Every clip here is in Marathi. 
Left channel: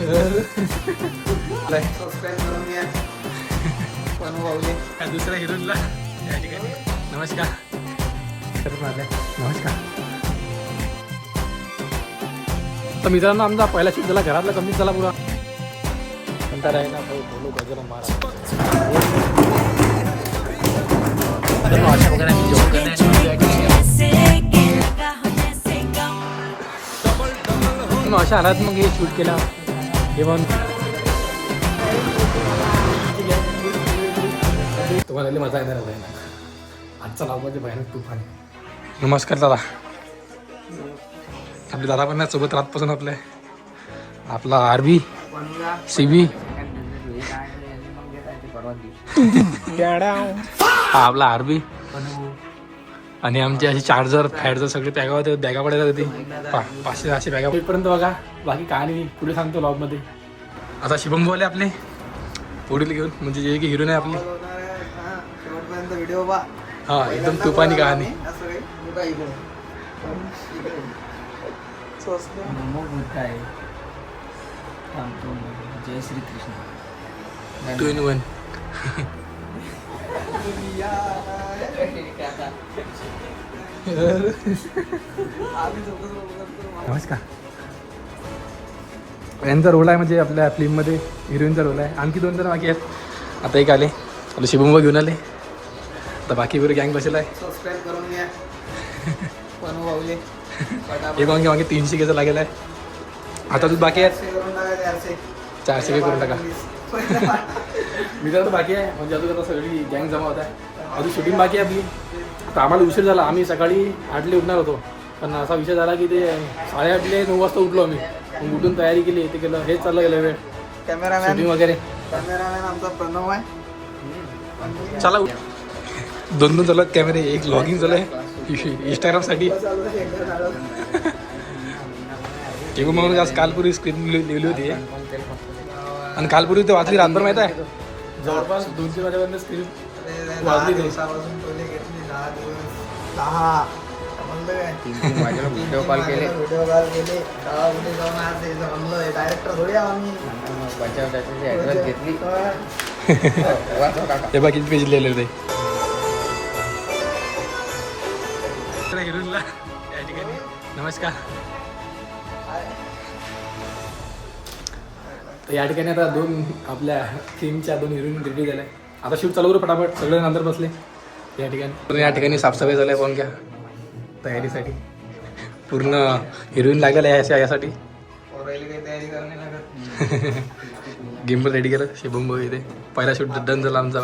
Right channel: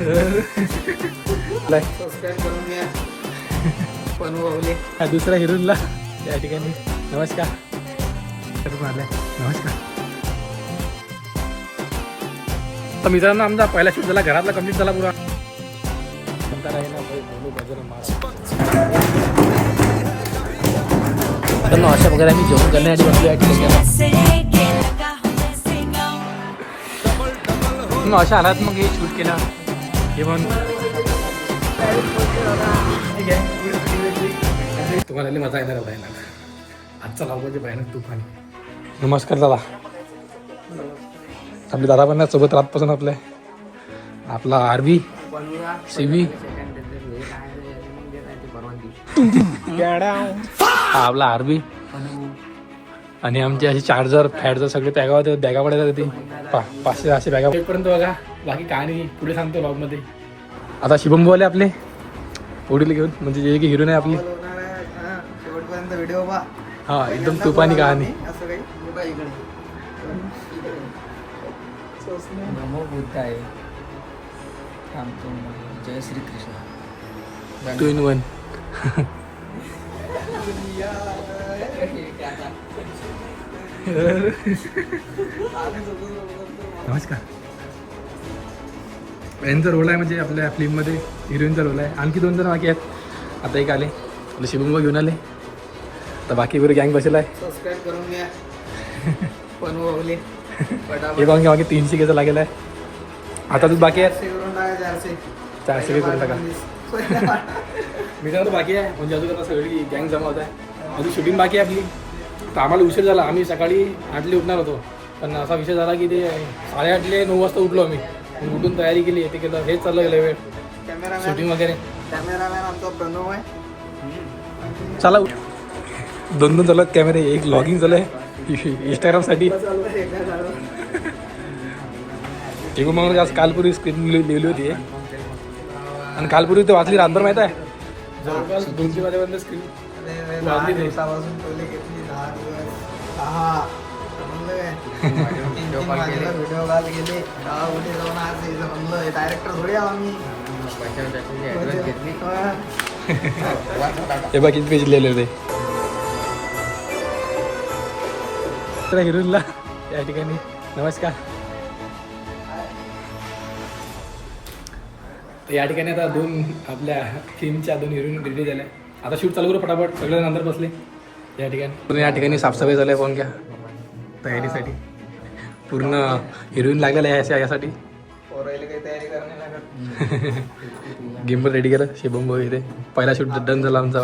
सबस्क्राईब करून घ्या. पण भाऊले हा दुसऱ्या हिरोईनला या ठिकाणी नमस्कार करून आले. नमस्कार. तर मित्रांनो आमचा पहिला शूट झाला, घरातला कंप्लीट झाला पुरा. म्हणता नाही ना भाई बोलू बजरंग महाराज. अशा हालात मग हे शूट केलं हे पण तुम्हाला मजा येणार आहे ना. आजचा लावबाजी भयानक तुफान. नमस्कार दादा. आपले दादा पण सोबत रातपासून आपला आरबी सीबी हा आपला आरबी आणि आमचे असे चार्जर फॅटजर सगळे बॅगा पडायला होती 500-600 बॅगा पर्यंत बघा. बाकी काय नाही, पुढे सांगतो लॉगमध्ये. आता शुभमवाले आपले पुढील घेऊन म्हणजे जे की हिरोईन आहे आपली शेवटपर्यंत व्हिडिओ पहा. हा एकदम तुफानी कहाणी. असं काही नमो बुद्धाय. जय श्री कृष्ण. 2 in 1. नमस्कार. यांचा रोल आहे म्हणजे आपल्या फिल्ममध्ये हिरोईनचा रोल आहे. आणखी 2 जण बाकी आहेत. आता एक आले आपले शिवमबा घेऊन आले. आता बाकी वगैरे गँग बसेल आहे. सबस्क्राईब करून घ्या. पण भाऊले हे पाहून घ्या मागे 300 घ्यायचं लागेल आहे. आता तू बाकी आहेत 400 काही करून टाका. मी तर बाकी आहे म्हणजे अजून आता सगळी गँग जमा होत आहे. अजून शूटिंग बाकी आहे आपली. तर आम्हाला उशीर झाला. आम्ही सकाळी 8ला उठणार होतो पण असा विषय झाला की ते 8:30 9 वाजता उठलो आम्ही. मग उठून तयारी केली ते केलं हेच चाललं गेलं वेळ शूटिंग वगैरे. कॅमेरामॅन आमचा प्रणव आहे. चला 2 चालत कॅमेरे. एक लॉगिंग चालू आहे इंस्टाग्रामसाठी. ते मग आज कालपुरी स्क्रीन लिहिली होती आणि कालपुरी ते वाचली रातभर माहीत आहे. जवळपास 200 वाजेपर्यंत स्क्रीन वाजली. दिवसापासून टोले घेतली 10 दिवस 10 व्हिडिओ कॉल गेले कुठे जाऊन आज म्हणलं डायरेक्टर थोडी आला मी. हे बाकी पेज लिहिलेलं ते हिरोईनला या ठिकाणी नमस्कार. या ठिकाणी आता 2 आपल्या फिल्मच्या 2 हिरोईन रिलीज झाल्या. आता शूट चालू करू फटाफट. सगळे नंतर बसले या ठिकाणी. या ठिकाणी साफसफाई झाली आहे. फोन घ्या तयारीसाठी पूर्ण हिरोईन लागलेला आहे यासाठी. गिम्बल रेडी केलं शिवम इथे. पहिला शूट डन झाला आमचा.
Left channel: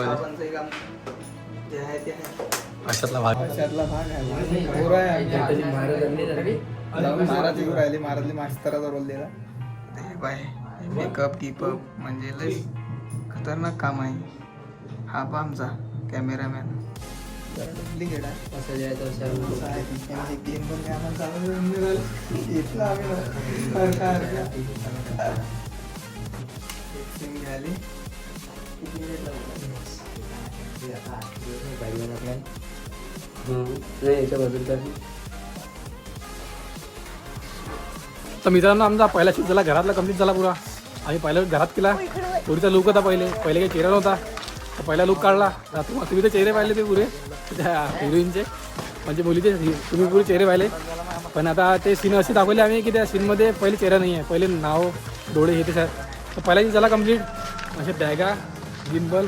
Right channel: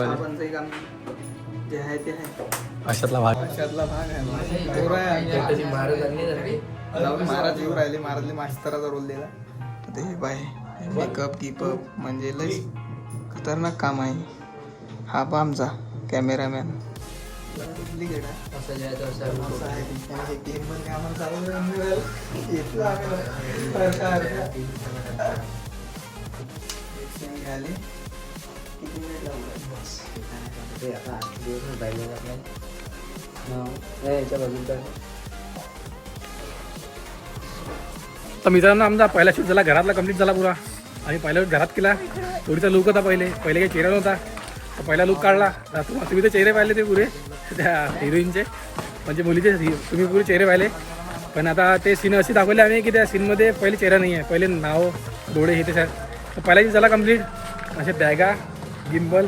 अशातला भाग महाराज येऊ राहिले. महाराजले मास्तराचा रोल दिला. बाय मेकअप गिपअप म्हणजे लई खतरनाक काम आहे. हा पहा आमचा कॅमेरामॅन. डुप्लिकेट आहे. तर मित्रांनो आमचा पहिला शूट झाला, घरातला कंप्लीट झाला पुरा. आम्ही पहिला घरात केला. थोडीचा लुक होता पहिले काही चेहरा नव्हता. तर पहिला लुक काढला. तुम्ही ते चेहरे पाहिले ते पुरे त्या हिरोईनचे म्हणजे मुलीचे तुम्ही पुरे चेहरे पाहिले. पण आता ते सीन असे दाखवले आम्ही की त्या सीनमध्ये पहिले चेहरा नाही आहे. पहिले नाव डोळे हे ते सर. तर पहिला शूट झाला कंप्लीट. असे बॅगा गिम्बल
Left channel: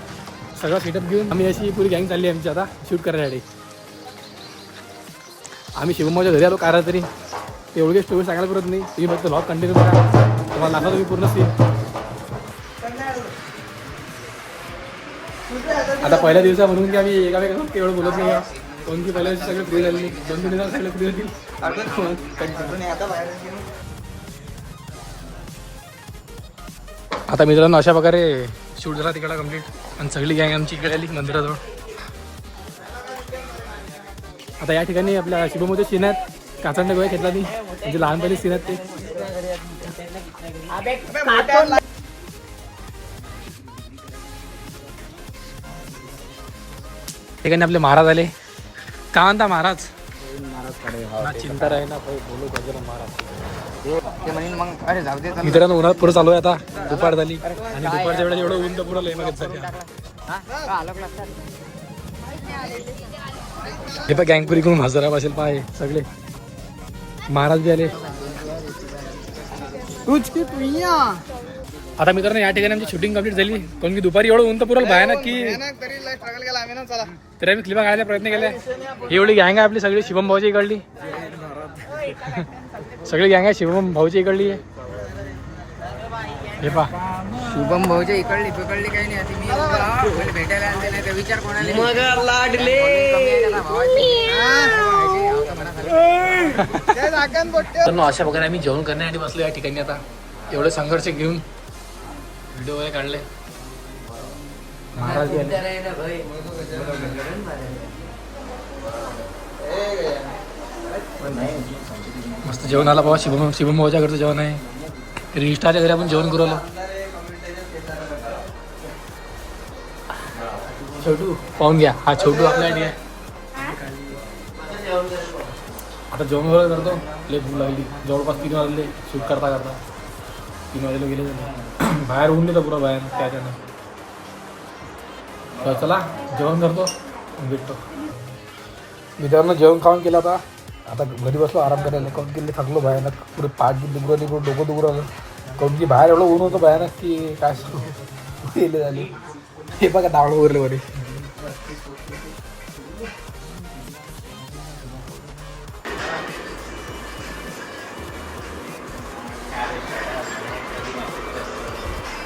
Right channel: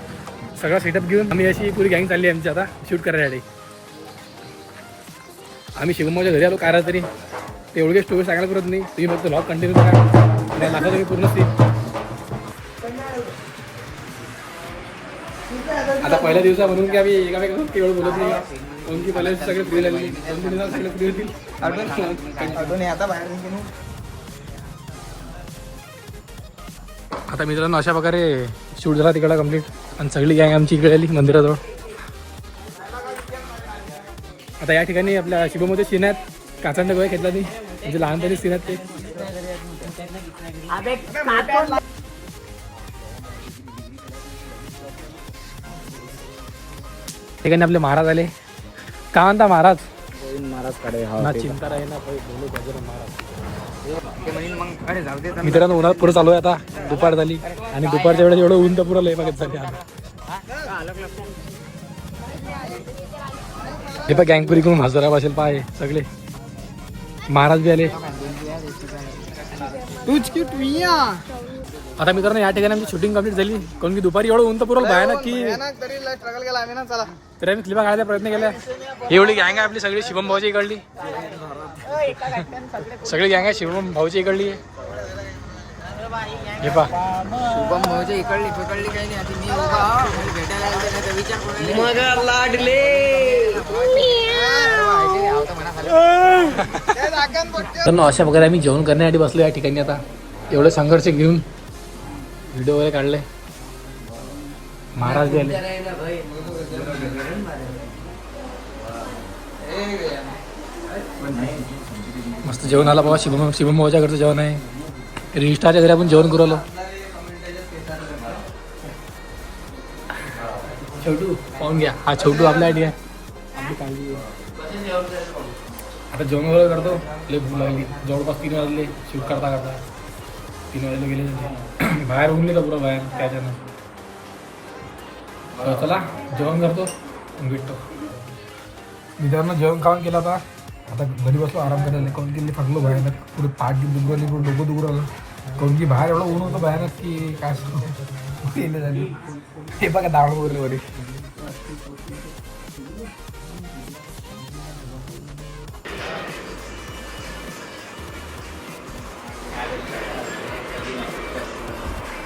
सगळा सेटअप घेऊन आम्ही अशी पुरी गँग चालली आमची आता शूट करायसाठी. आम्ही शिवमच्या घरी आलो काय तरी. ते एवढे स्टोरी सांगायला करत नाही. तुम्ही फक्त व्लॉग कंटिन्यू करा. तुम्हाला दाखवतो मी पूर्ण सीन. आता पहिल्या दिवसा म्हणून की आम्ही एकामेकांना तेवढं बोलत नाही आहे. कोण की पहिल्या दिवशी सगळे फ्री झालेली. 2-3 दिवसात सगळे फ्री होतील. आता मित्रांनो अशा प्रकारे शूट झाला तिकडला कंप्लीट. आणि सगळी गँग आमची इकडे आली मंदिराजवळ. आता या ठिकाणी आपल्या शिवमध्ये सीन आहेत. काचांडा गोळ्या घेतला नाही म्हणजे लहानपणी सीन आहेत ते. ठिकाणी आपले महाराज आले. का म्हणता महाराज? महाराज कडे ना चिंता राहील ना बोलू बजरंग महाराज. मित्रांनो उन्हात पुढे चालू आहे आता. दुपार झाली आणि दुपारच्या वेळेस एवढं ऊन तर पुरं लय बघत झाली आता. हे पण गँगपुरी करून हजरा बसेल पाय सगळे महाराज बी आले. आता मित्रांनो या ठिकाणी आमची शूटिंग कंप्लीट झाली. कारण की दुपारी एवढं ऊन तर पुरं भयानक की तरी आम्ही क्लिपा खायला प्रयत्न केला. एवढी गँग आहे आपली सगळी शिवम भाऊची इकडली. सगळी गँग आहे शिवम भाऊची इकडली आहे. हे पा शुभम भाऊच्या इकडली पकडली काही नाही. आता मी उभा मला भेटायला आले नाही तर विचार कोणाला लाडले. अशा प्रकारे आम्ही जेवण करण्यासाठी बसलो या ठिकाणी. आता एवढे संघर्ष घेऊन व्हिडिओ वगैरे काढले. महाराज आले. मस्त जेवण आला बाबा. शिवम भाऊच्या घरचं जेवण आहे. रिस्टाच्या घरी आपण जेवण करू आलो. छोटू पाहून घ्या. हा छोटू आपल्या आधी आहे. आता जेवण वगैरे करतो. लय भूक लागली. जवळपास 3 वाजले शूट करता 3 वाजले गेले. बाहेर ऊन गेलं पुरा बाहेर त्याच्यानं. चला जेवण करतो भेटतो. मित्रांनो जेवण खाऊन केलं आता घरी बसलो आराम करायला. कोण की थकलो भयानक. पुढे पाठ दुबरवली डोकं दुबरवलं. कोण की बाहेर एवढं ऊन होतं भयानक की काय केले झाली. हे बघा दावड उरले वडे.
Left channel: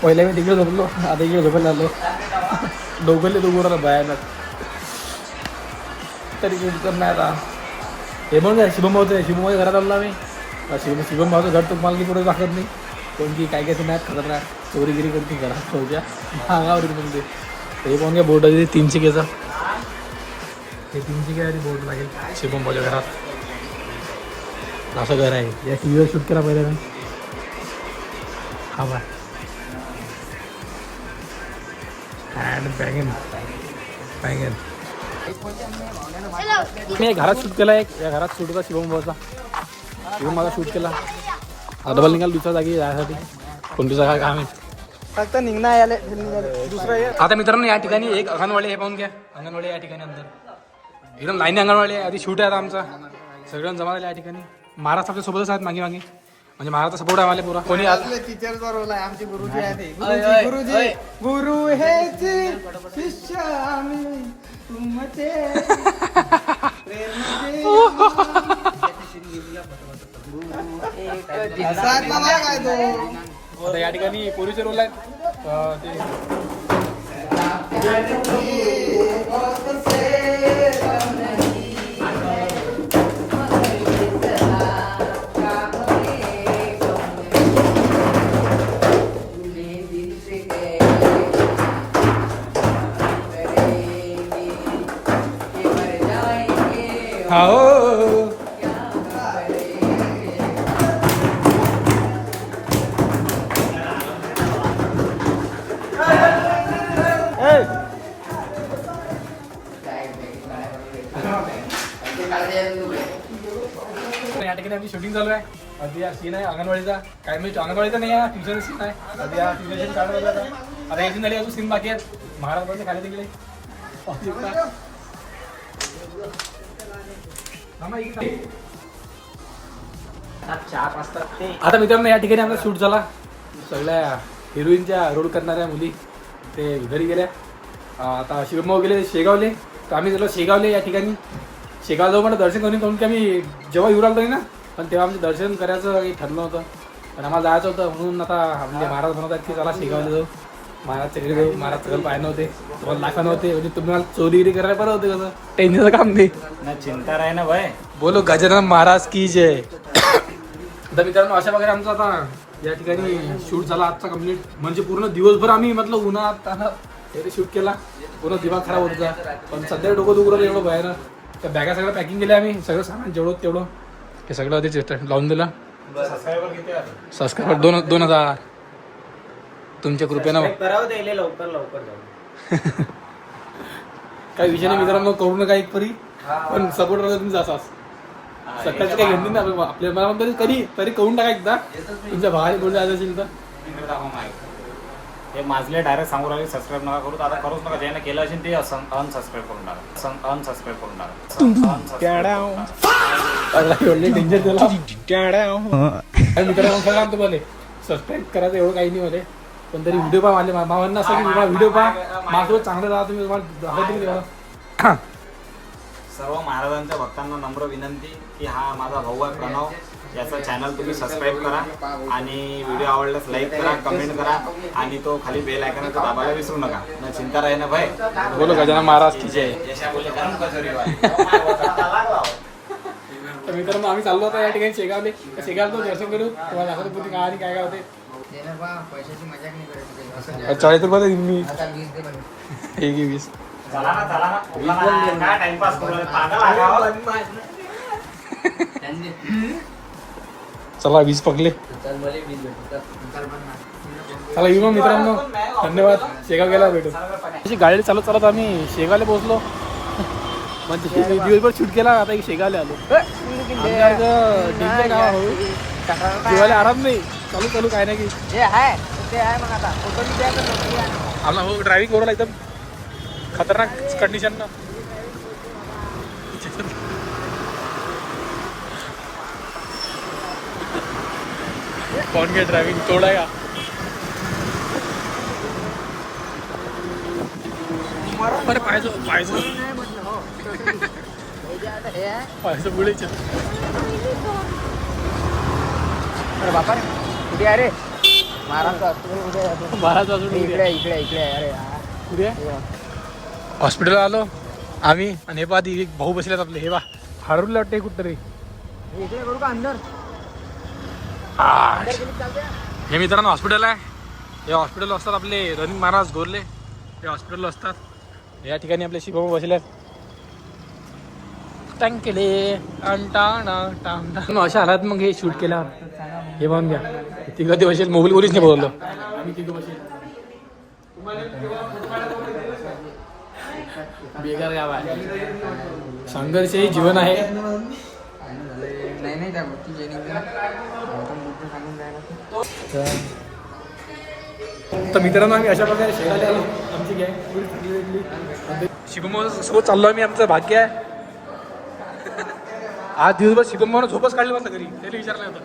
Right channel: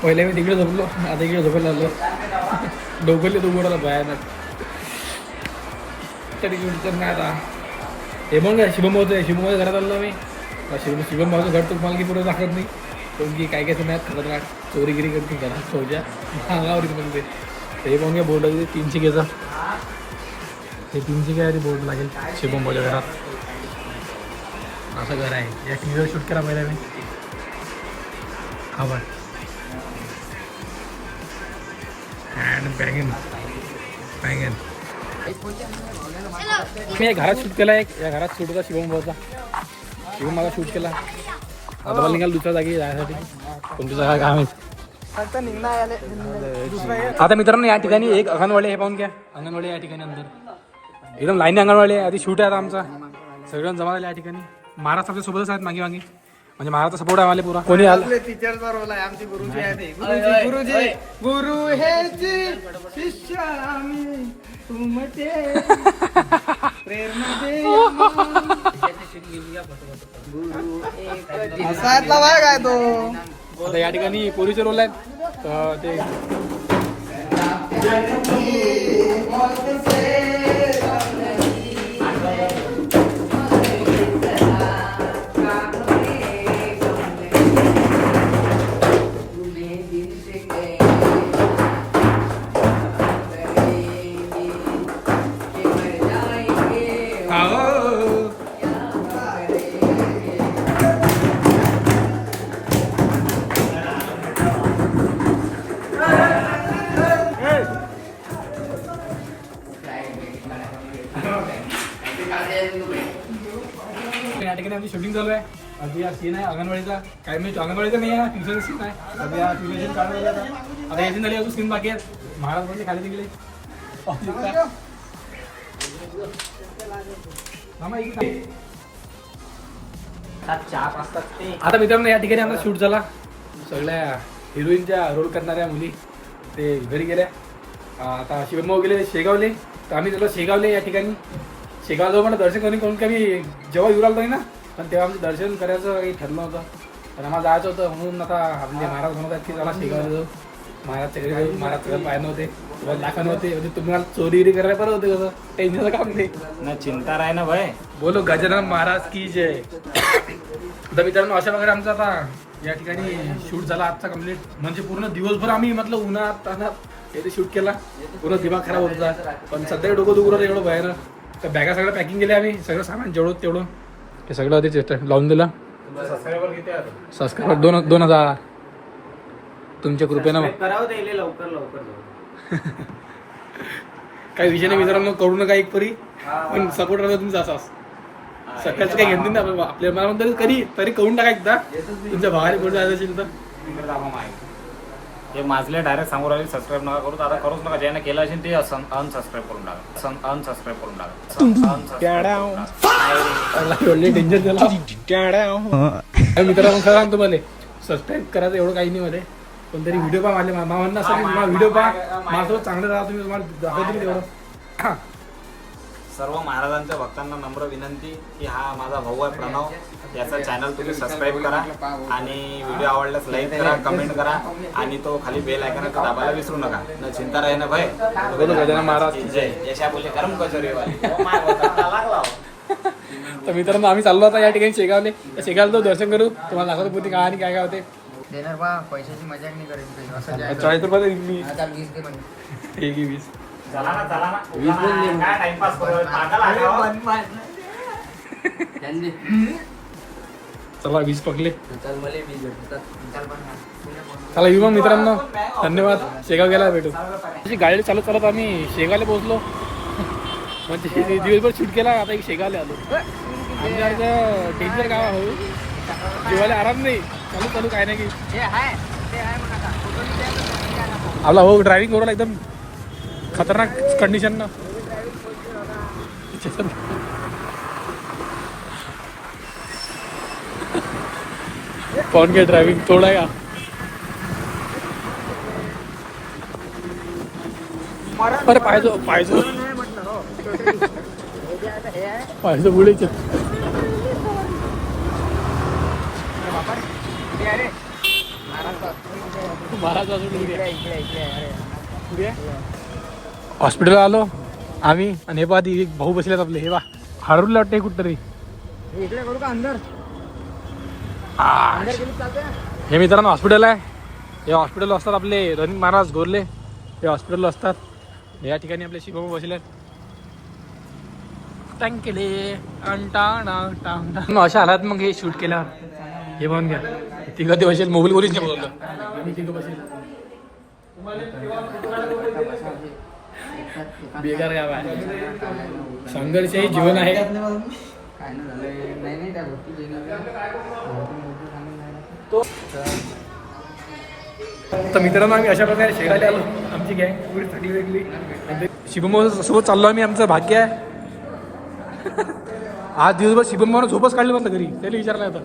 पहिले मी तिकडे झोपलो आता इकडे झोपायला आलो. डोकरले दुबरवलं भयानक. तरी विचार नाही आता. हे मग शिवम भाऊचं आहे. शिवम भाऊच्या घरात आलो आम्ही. शिवम भाऊचं घर तर मला की पुढे दाखवत नाही. कारण की काय काय नाही खतरनाक चोरीगिरी करते घरात शोच्या अंगावर म्हणजे. हे पाहून घ्या बोर्ड आहे 300 घ्यायचा. हे 300 घ्या बोर्ड लागेल शिवम भाऊच्या घरात. असं घर आहे. या टी व्हीवर शूट केला पहिले मी. हा बाय अँड बँगन मी घरात शूट केला. या घरात शूट होता शिवम भाऊचा. शिवम माझा शूट केला. डबल निघाल दुसऱ्या जागी जाण्यासाठी. तुमचं काय काम आहे आता मित्रांनो. या ठिकाणी एक अंगणवाडी हे पाहून घ्या. अंगणवाडी या ठिकाणी अंदर एकदम लाईन अंगणवाडी आहे. आधी शूट आहे आता आमचा. सगळ्यांना जमा झाले या ठिकाणी. महाराज आपल्या सोबतच आहेत मागे म्हणजे महाराजचा सपोर्ट आहे आम्हाला पुरा. कोणी आलं टीचरचा रोल आहे. आमचे गुरुजी आहे. गुरुजी गुरु हे शिष्य आम्ही तुमचे असातला बघा काय तो. आता या ठिकाणी पोलीसचे रोल आहेत. ते या ठिकाणी आमची शूटिंग चालू आहे. आधी हा सीन आहे अंगणवाडीचा. काय मी अंगणवाडीचा नाही आहे ट्युशन सीन आहे. आधी हा ट्युशन सीन काढायला आता याची झाली अजून सीन बाकी आहेत. महाराज म्हणजे खाली गेले. आता मित्रांनो या ठिकाणी आमचा शूट झाला. सगळ्या हिरोईनच्या रोल करणाऱ्या मुली ते घरी गेल्या. आता शिवम भाऊ गेले शेगावले. तर आम्ही गेलो शेगावले या ठिकाणी. शेगाव जाऊ मला दर्शन करून की आम्ही जेव्हा येऊ लागलो ना पण तेव्हा आमचं दर्शन करायचं काही ठरलं होतं. पण आम्हाला जायचं होतं म्हणून आता म्हणजे महाराज म्हणत आहेत की चला शेगावला जाऊ. महाराजच्या घरी जाऊ. महाराज सगळं पाय नव्हते तुम्हाला दाखवा नव्हते. म्हणजे तुम्हाला चोरीगिरी करायला बरं होते कसं टेन्शनचं काम नाही ना चिंता राही ना भाई. बोलो गजानन महाराज की जय. तर मित्रांनो अशा वगैरे आमचा आता या ठिकाणी शूट झाला आजचा कम्प्लीट. म्हणजे पूर्ण दिवसभर आम्ही म्हटलं उन्हात तरी शूट केला. पूर्ण दिमाग खराब होत होता. पण सध्या डोकं दुखलं एवढं बाहेर. तर बॅगा सगळं पॅकिंग केलं आम्ही. सगळं सामान जेवढं तेवढं हे सगळं आधीच लावून दिलं. सबस्क्रायबर 2000 तुमच्या कृपेनं. काही विषय नाही मित्रांनो. करू नका एक परी पण सपोर्ट राहता तुमचा असाच. सकाळचं काही घेऊन ना आपल्या मनामध्ये कधी तरी करून टाका एकदा तुमच्या भावाने कुठे जायचं असेल तर हे माझले डायरेक्ट सांगू राहिले सबस्क्राईब नका करू आता करूच नका ज्याने केलं असेल ते अनसबस्क्राईब करून टाका अनसबस्क्राईब करून टाका डेंजर झाला मित्रांनो खरं सांगतो मला सबस्क्राईब करायचं एवढं काही नाही मला पण तरी व्हिडिओ पहा माझ्या मामांना असं की तुम्हाला व्हिडिओ पहा माझ्यासोबत चांगलं राहा तुम्ही तुम्हाला दाखवतो मी तेवढं सर्व महाराजांच्या भक्तांना नम्र विनंती की हा माझा भाऊ आहे प्रणव याचा चॅनल तुम्ही सबस्क्राईब करा आणि व्हिडिओ आवडल्यास लाईक करा कमेंट करा आणि तो खाली बेल आयकॉन आहे तो दाबायला विसरू नका न चिंता राही ना भाई बोलो गजानन महाराज की जय जशा बोलले गरम कचोरी तर मित्रांनो आम्ही चाललो आता या ठिकाणी शेगावले शेगावला तो दर्शन करू तुम्हाला दाखवतो पुढे काय आणि काय काय होते देणार बा पैशाची मजा नाही करायची असं 40 रुपये मी 20 दे म्हणे. 20 चला ना काय टाइमपास करू चला 20 पकडले चला येऊ मग मित्रांनो धन्यवाद शेगाव गेला भेटू अशी गाडी चालत चालत आम्ही शेगावला पोहोचलो म्हणजे दिवसभर शूट केला आता शेगावला आलो आमच्यासारखं डेंजर गाव हो जेवायला आराम नाही चालू चालू काय नाही की आपला हो ड्रायव्हिंग करून एकदम खतरनाक कंडिशन ना कौन के ड्राइविंग थोड़ा या अरे पाहिजे पुढे अरे हॉस्पिटल आलो आम्ही आणि हे पहा ती भाऊ बसलेत आपले हे बा हरवलं वाटतं कुठतरी इकडे करू का अंदर हे मित्रांनो हॉस्पिटल आहे हे हॉस्पिटल असतात आपले रणजित महाराज गोरले हे हॉस्पिटल असतात या ठिकाणी आपले शिवभाऊ बसले टँकेले अशा हालात मग हे शूट केल्यावर हे पाहून घ्या तिघं ते बसेल मोबाईल वरच नाही बोललो आम्ही तिघं बसेल बेकार गाव आहे संघर्ष हे जीवन आहे तर मित्रांनो आम्ही अशा प्रकारे शेगावला आलो आमची गँग पुढे चांगली भेटली शिवमोहन सोबत चाललो आम्ही आमचं भाग्य आहे आज दिवसभर शिवमोहन सोबत काढले मस्त घरी त्याला विचारलं होतं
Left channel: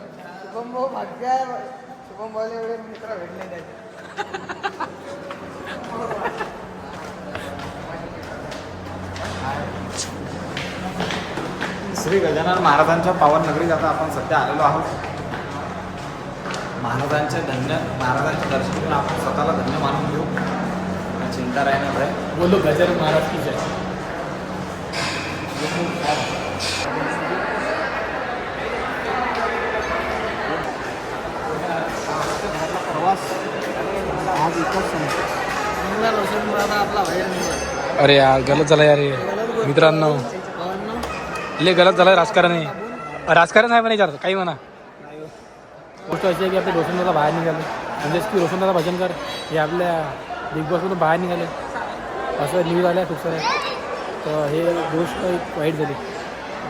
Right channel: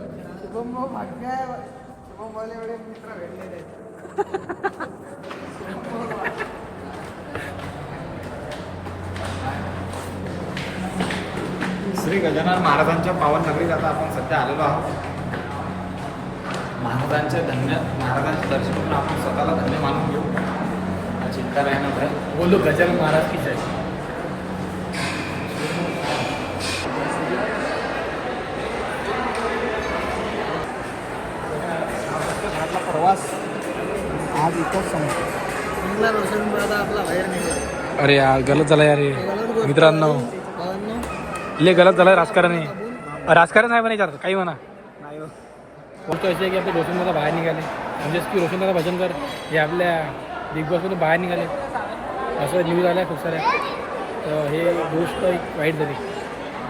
श्री गजानन महाराजांच्या पावन नगरीत आता आपण सध्या आलेलो आहोत महाराजांचे दर्शन करून आपण स्वतःला धन्य मानून घेऊ चिंता राहणार आहे बोलो गजानन महाराज की जय प्रवास आज इथंच आपला अरे यार गलत झाला यार मित्रांनो लय गलत झालं राजकारण आहे राजकारण आहे म्हणे काही म्हणा गोष्ट अशी आहे की आपले रोशनदादा बाहेर निघाले म्हणजेच की रोशनदादा भजनकर हे आपल्या बिग बॉसमधून बाहेर निघाले असं न्यूज आल्या खूप साऱ्या तर हे गोष्ट एक वाईट झाली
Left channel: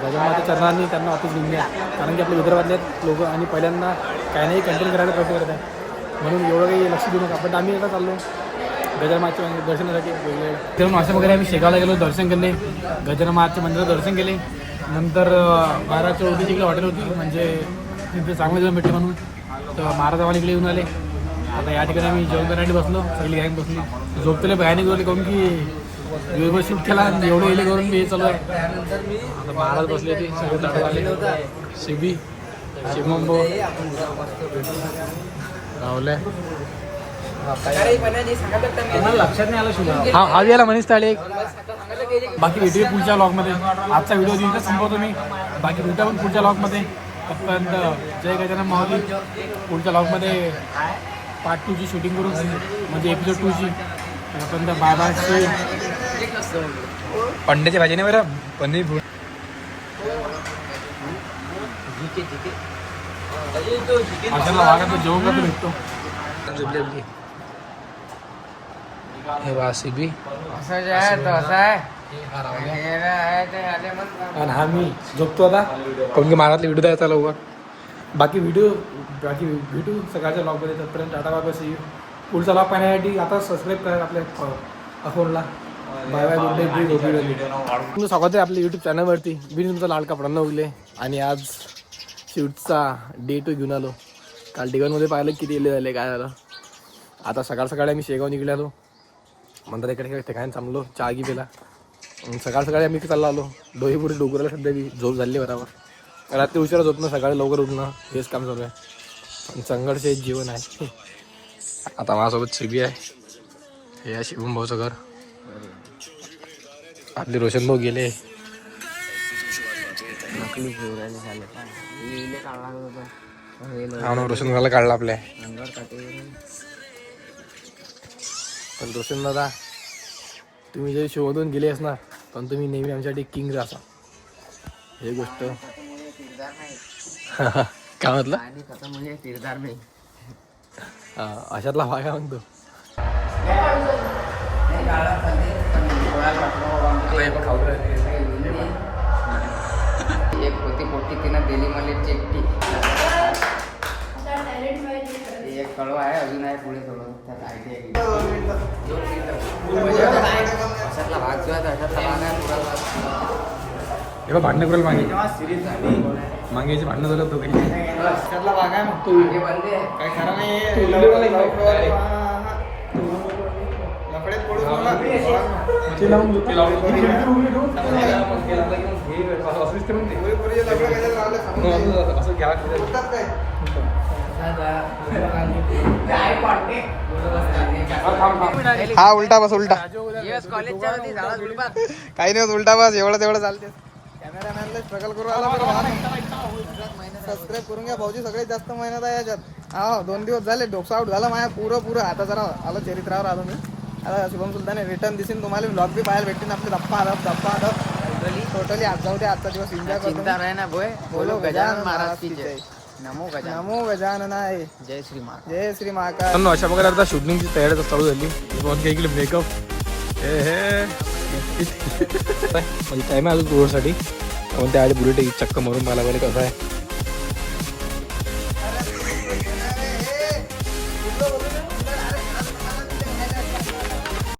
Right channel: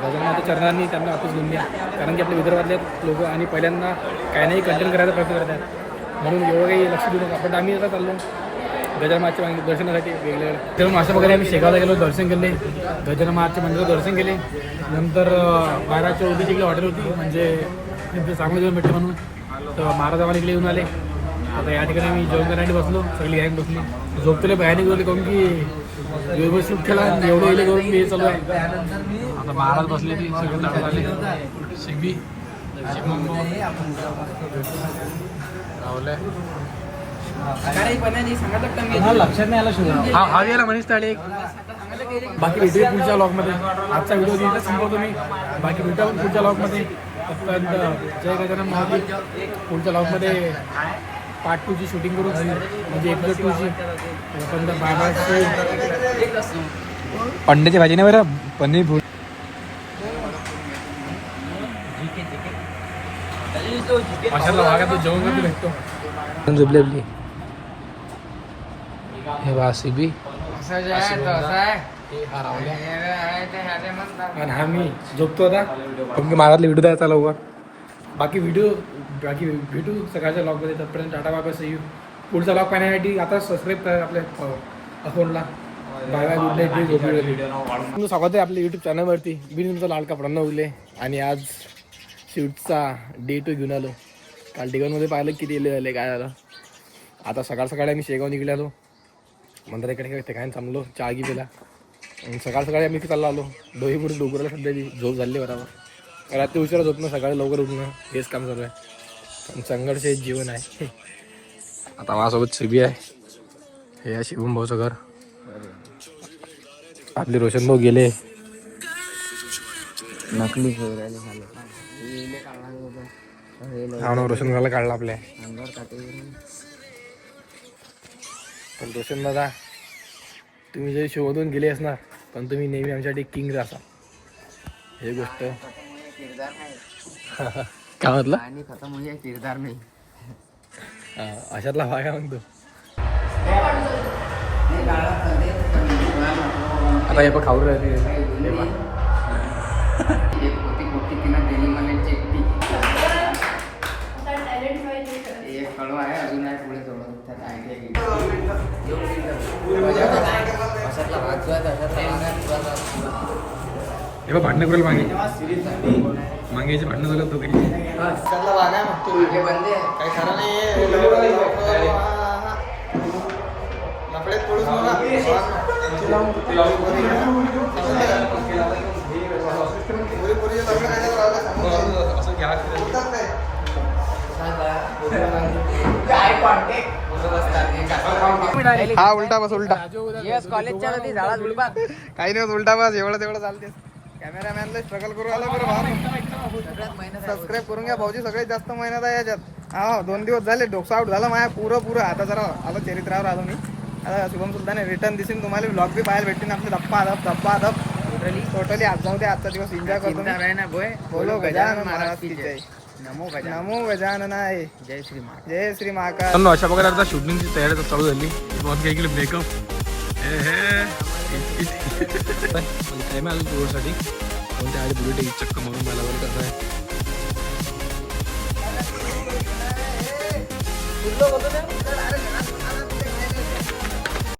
गजाननाच्या चरणांनी त्यांना वापस घेऊन घ्या कारण की आपल्या विदर्भातले लोक आणि पहिल्यांदा काही नाही कंटेंट करायला प्रयत्न करत आहेत म्हणून एवढं काही लक्ष देऊ नका पण आम्ही आता चाललो गजाननाच्या दर्शनासाठी वेगवेगळ्या तर अशा प्रकारे आम्ही शेगावला गेलो दर्शन केले गजानन महाराजच्या मंदिरात दर्शन केले नंतर बाहेरच्या होती इकडे हॉटेल होती म्हणजे तिथे चांगलं जेवण भेटलं म्हणून तर महाराज आम्हाला इकडे येऊन आले आता या ठिकाणी आम्ही जेवण करण्यासाठी बसलो पहिली गँग बसली झोपतले बाहेर गेले काहून की वेगवेगळं शूट केला आणि एवढं येले करून हे चालू आहे आता महाराज बसले ते सगळे ताटात आले सिबी शिवमंबो लक्षात नाही आलं शुभ हा गेला मनीष ताळे बाकी भेटूया पुढच्या लॉगमध्ये आजचा व्हिडिओ इथं संपवतो मी बाकी भेटूया पण पुढच्या लॉगमध्ये तोपर्यंत जय गजानन माऊली पुढच्या लॉगमध्ये पार्ट 2ची शूटिंग करू म्हणजे एपिसोड 2ची तोपर्यंत बाय बायची अंड्याची भाजी नाही बरं पनीर भूट माशाला वागा तू जेवण का भेटतो झोपली आपली हे वासिबी आणि हा मी झोपतो आता पण महारातले व्हिडिओ द्यायचा लवकर. बाकी भेटू सकाळच्या लॉगमध्ये. तोपर्यंत टाटा बाय बाय. पुढचा लॉग पाहण्यासाठी आता सबस्क्राईब करा आपल्या अकाउंटला. Bye bye, good night. तुम्ही स्वागत आहे आपल्या यूट्यूब चॅनलवरती. मी तुमचा लाडका प्रणव उगले आणि आज शूटचा डे 2 घेऊन आलो. काल डिगनमध्ये पाहिलं किती एले झाले, काय झालं. आता सकाळी आम्ही शेगाव निघालो. नंतर इकडे ठिकाणी थांबलो, चहा घी पिला. सकाळी आम्ही चालला आलो. डोईपुरी डोंगराला सध्या झोप झाली बरोबर. रात्री उशिरा झोपणं, सकाळी लवकर उठणं, हेच काम चालू आहे. पण संघर्ष हे जीवन आहे. आता माझ्यासोबत शिबी आहे. हे आहे शिवम भाऊचं घर. आपले रोशन भाऊ गेले. नकली हा ना, रोशन भाऊला काढला आपल्या. पण रोशन दादा, तुम्ही जरी शोधून गेले असणार पण तुम्ही नेहमी आमच्यासाठी किंग राहा. हे गोष्ट काय म्हटलं आणि खतम म्हणजे किरदार नाही. अशातला भाग आहे म्हणतो. एक होती मोठी, तिनं दिली मला चिठ्ठी. एक कळवा आहे, अजून आहे पुढे थोडं. त्यात आयडिया अशातला भाग जो आहे अशातला भाग आहे पुरा. हे बघ, भांडणं करेल मागे मागेची भांडणं झालं तो काही. अशातला भाग आहे मग तू काही खरं नाही. लफडेत पडून मला हा उलटा बस, उलटा काही नाही, उलटा बस. एवढं तेवढं चालते. कॅमेरामॅनला स्ट्रगल करू आला बरं भाव. सबस्क्राईब करून घ्या भाऊजी, सगळ्यात जास्त मेहनत आहे याच्यात. हा 2 दिवस झाले, डोकं आउट झालं माझ्या पुरं. आता जरा आलो चरित्रावर आलो मी. आता शुभम सुलतान रिटर्न दिसेल तुम्हाला. ब्लॉग बी पाहायला भेटतील आपले. धप्पा धप टोटली. आज जाऊ दे, आजचा दिवस एन्जॉय करतो. बोलो गजानन महाराज की जय. नमो गजाननाय. जय श्री महाकाल. अशा प्रकारे आता शूटिंगची तयारी चालू झाली. इकडे मेकअप म्हणजे टाईम आहे अजून टूरसाठी. पण त्या आधी बुलेट एक चक्क मारून मला बरे कसं आहे.